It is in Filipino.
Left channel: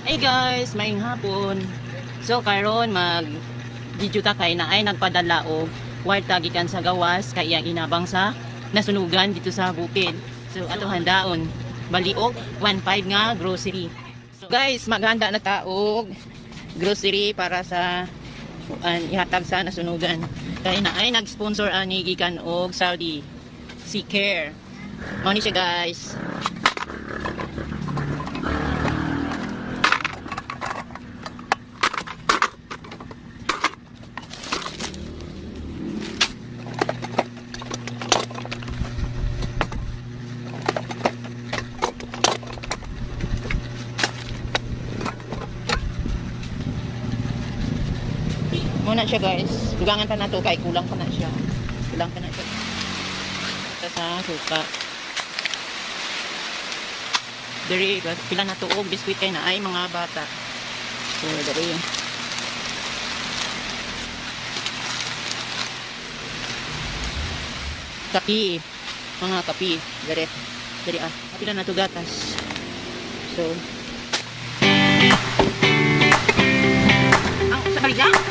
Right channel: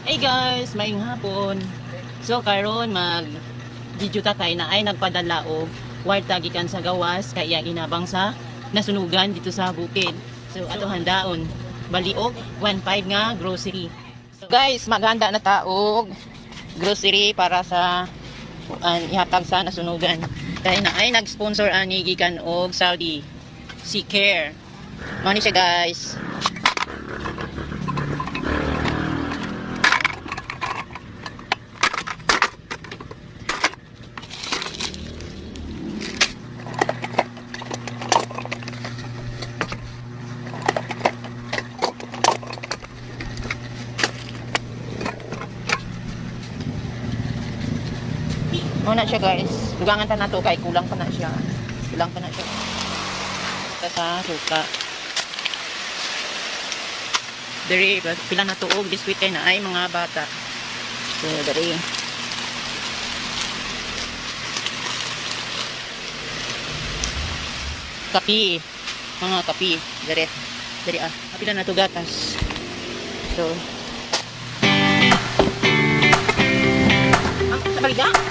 Hey guys, maing hapon. So karon mag video ta kay na ay nagpadala og kwarta gikan sa gawas kaya inabang sa nasunugan dito sa bukid. So ato handaon baliog 1.5 nga grocery. So guys, maghanda na ta og grocery para sa ihatag sa nasunugan. Kaya na ay nag-sponsor ani gikan og Saudi Sea Care. Mao ni siya guys. Muna siya guys, dugangan pa na to kay kulang pa na siya. Kulang pa na siya. Ito sa suka. Dari pila na tuog biskwit na ay mga bata. So dari. Kapi. Mga kapi. Dari. Dari pila na to gatas. So. Ang sa